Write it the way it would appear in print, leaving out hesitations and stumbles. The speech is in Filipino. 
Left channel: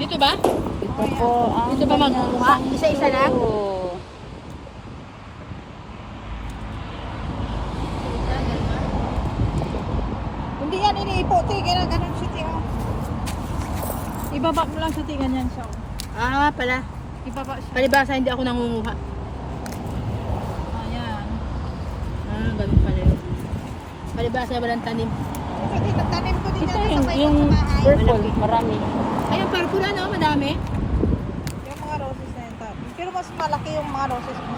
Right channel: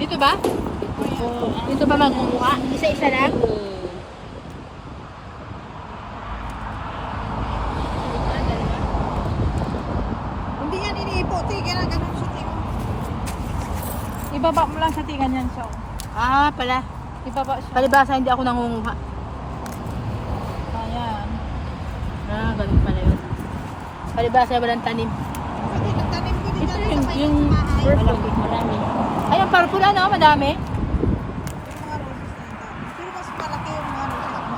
Dito ba? Ito po ang Dito ba magkukuha? Isa-isa na? Hindi yan iniipo. Tingnan ganun siya. Tingnan. Ibaba mo lang sa tingan yan siya. Ah, pala. Ibaba siya. Palibasa hindi ako nangunguha. Ayan. Ah, ganun pala yun. Palibasa walang tanim. Kasi nagtanim ko din Ito yan sa may yung bahay. purple, marami. Ay, ang purple ano, madami. Yung mga roses na yan. Pero mas malaki yung mga roses.